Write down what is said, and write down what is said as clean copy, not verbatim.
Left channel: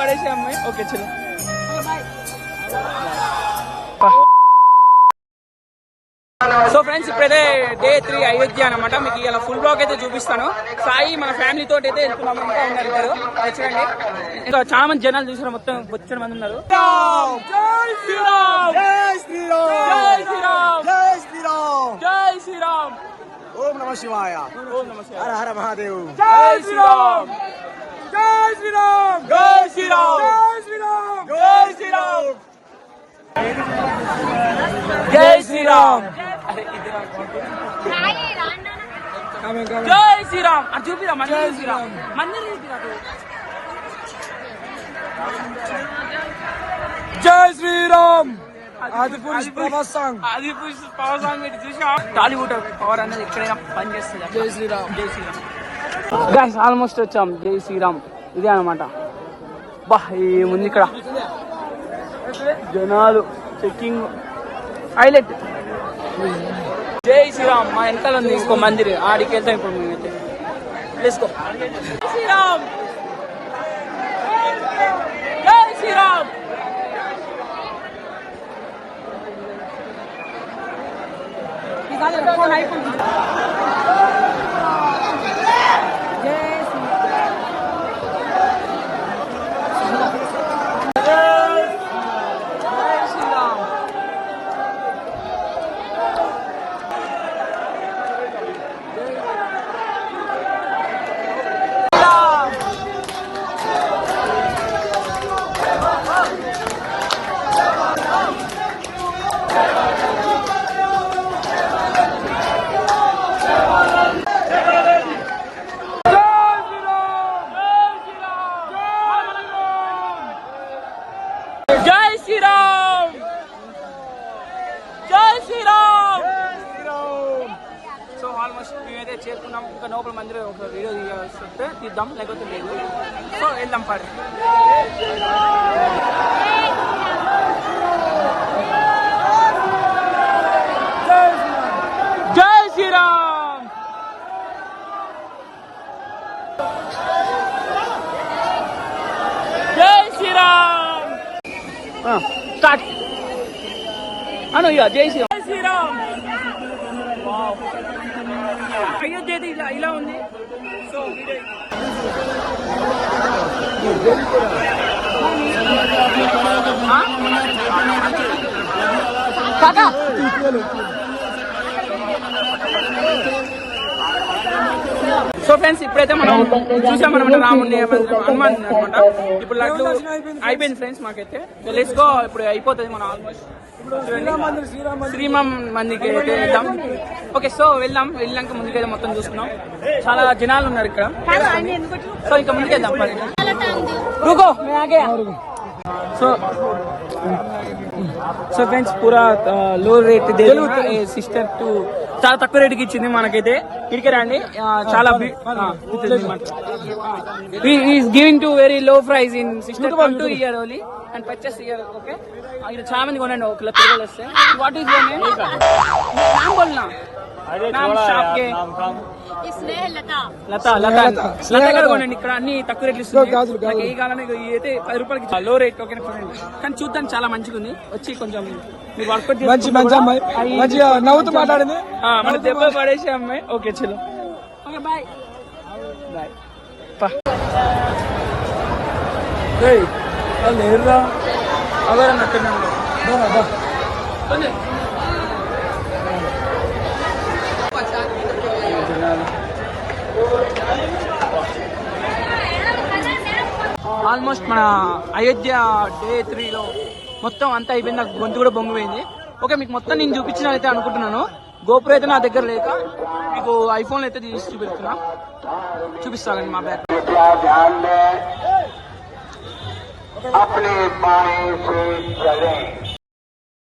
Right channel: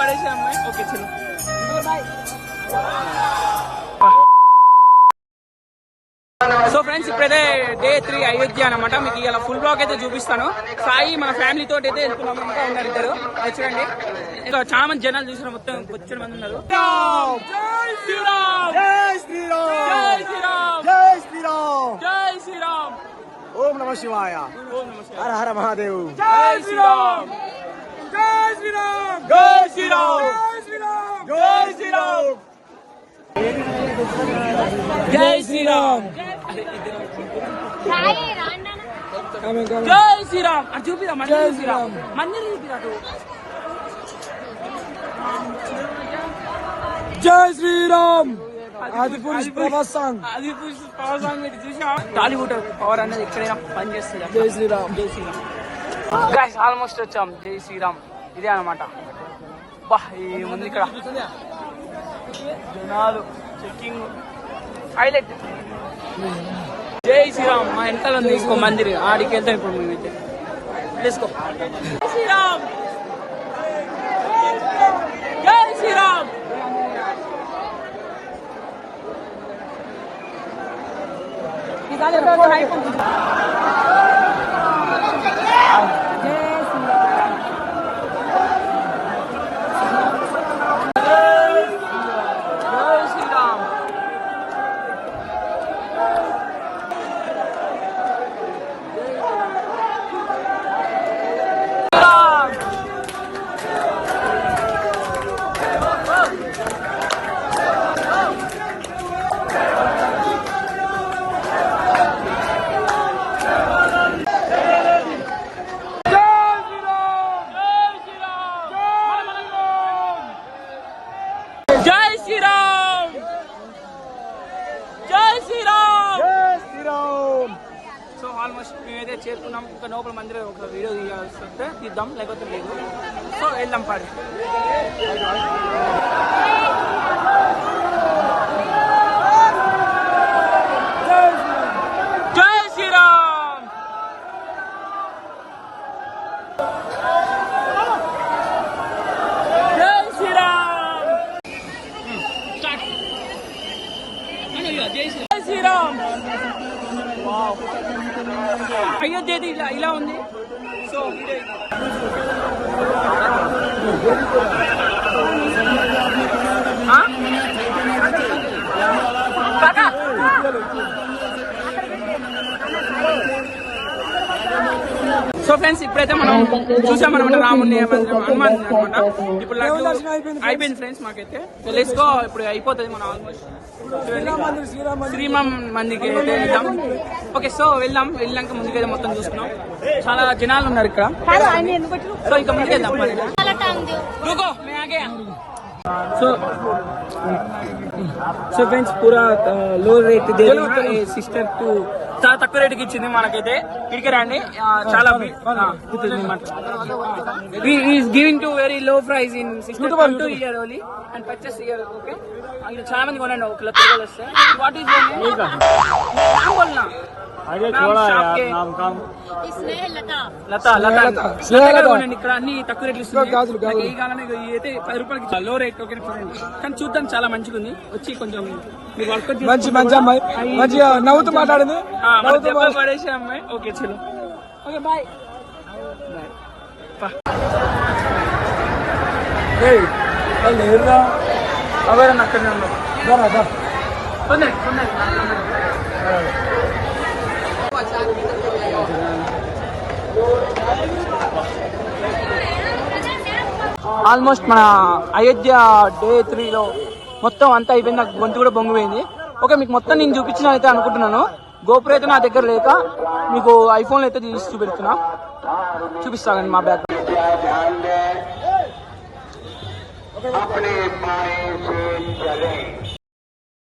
పడేసే అమ్మాయి. ఓకే చలో బాయ్. సో ఫ్రెండ్స్ ఇప్పుడైతే డే 3 అయోధ్య అనమాట. మీకు ఇలా ఫుల్ బ్లాగ్ అయితే చూపిస్తాను. సాయి మన ఫ్యామిలీ తోటి అయితే వెళ్తున్నాము. ఇంకా ఉన్నారు ఇద్దరు చూడండి. ఇంకా చాలా మంది జనాలు చూసారు, మొత్తం వచ్చిన మంది ఉన్నారు. జై శ్రీరామ్, జై శ్రీరామ్, జై శ్రీరామ్, జై శ్రీరామ్, జై శ్రీరామ్. ఓం నమః శివాయ, ఓం నమః శివాయ, హర హర మహాదేవ్. జై శ్రీరామ్, జై శ్రీరామ్, జై శ్రీరామ్, జై శ్రీరామ్, జై శ్రీరామ్, జై శ్రీరామ్, జై శ్రీరామ్. అది చూపిరా మంది, జై శ్రీరామ్ మంది చూపిరా. జై Shriram. Adipurush power song, Adipurush power song మీరు చూసా. టాలీవుడ్ పవర్ అనేది ఎక్కడైనా పని చేస్తుంది. జై శ్రీరామ్, జై శ్రీరామ్. గైస్ ఆల్మోస్ట్ వచ్చాం. జై శ్రీరామ్ ఇదే అనమాట. బా ఏముంది ఇక్కడ జనాలు, చెక్కింగ్ హైలైట్. జై శ్రీరామ్. మా వెనకాల ఉంది ఇంకో మందిర్, ఆడికి వెళ్తాం ఇప్పుడు మేమైతే. Let's go. శ్రీరామ్, జై శ్రీరామ్. సో ఆల్మోస్ట్ మేమైతే చేరుకున్నాం. ఇంకా లోపల మందిరం ఒక వీడియో తీయాల్సి తీద్దాం, లేకపోతే లేదు. సో వెళ్దాం పాడు. జై శ్రీరామ్, జై శ్రీరామ్. స్టార్ట్ అను ఇక జై శ్రీరామ్, జై శ్రీరామ్. అయోధ్య ఇలా ఉంది. సో సో ఫ్రెండ్స్ ఇప్పుడైతే మనం చూసామన్నమాట రాముడిని, హనుమాన్ అనమాట. ఇప్పుడు లడ్డు అయిపోయింది ఫ్రెండ్స్ మాకైతే. తెలుసుకో ఇప్పుడు అయిపోతుంది మనం ఆల్మోస్ట్. శ్రీరామ్ మందికి అయితే వెళ్దాం. ఓకే సో వెళ్ళాక ముందుకైతే మొత్తం చూసుకున్నాం. చాలా జనాలు ఉన్నారు ఇక్కడ. సో ఇంకా ముందుకు వెళ్దాం. సో ఫ్రెండ్స్ పూరా లో రేట్ సిస్టర్ టు చాలా తక్కువ రేటుకి ఇచ్చింది మనకైతే. ఇక్కడికి రండి, చాలా giving to very low price in sister 2 year only and purchase year. Okay ఇక్కడ చాలా మంది కొనండి, ఒక లక్ష రూపాయలు వస్తాయి. What is your name? ఇక్కడ అన్ని తక్కువ రేట్లు ఇస్తున్నాయి. ఏ కాలంలో అయితే 10 రూపాయలకి లో రేట్. ఓకే కానీ చూద్దాం చాలా మంచిగా ఉంది. వచ్చి కొంచెం మీరు వర్కౌట్ నవ్వుతూ మాట్లాడింది పడేసే అమ్మాయి. ఓకే చలో ఓకే బాయ్ బాయ్. లేరురా ఆల్మోస్ట్ మన అయోధ్య డే 3లో మొత్తం అంతా అయిపోయింది. నాకు గొంతు కూడా బొంగిపోయింది. ఓకే మీకు మొత్తం నేను చూపించిన అయితే అనుకుంటున్నాను. గోప్రో అయితే నా దగ్గర లేక మీకు ఐఫోన్లో అయితే తీసి చూపిస్తానండి మా బ్యాగ్. अपने पानी से चले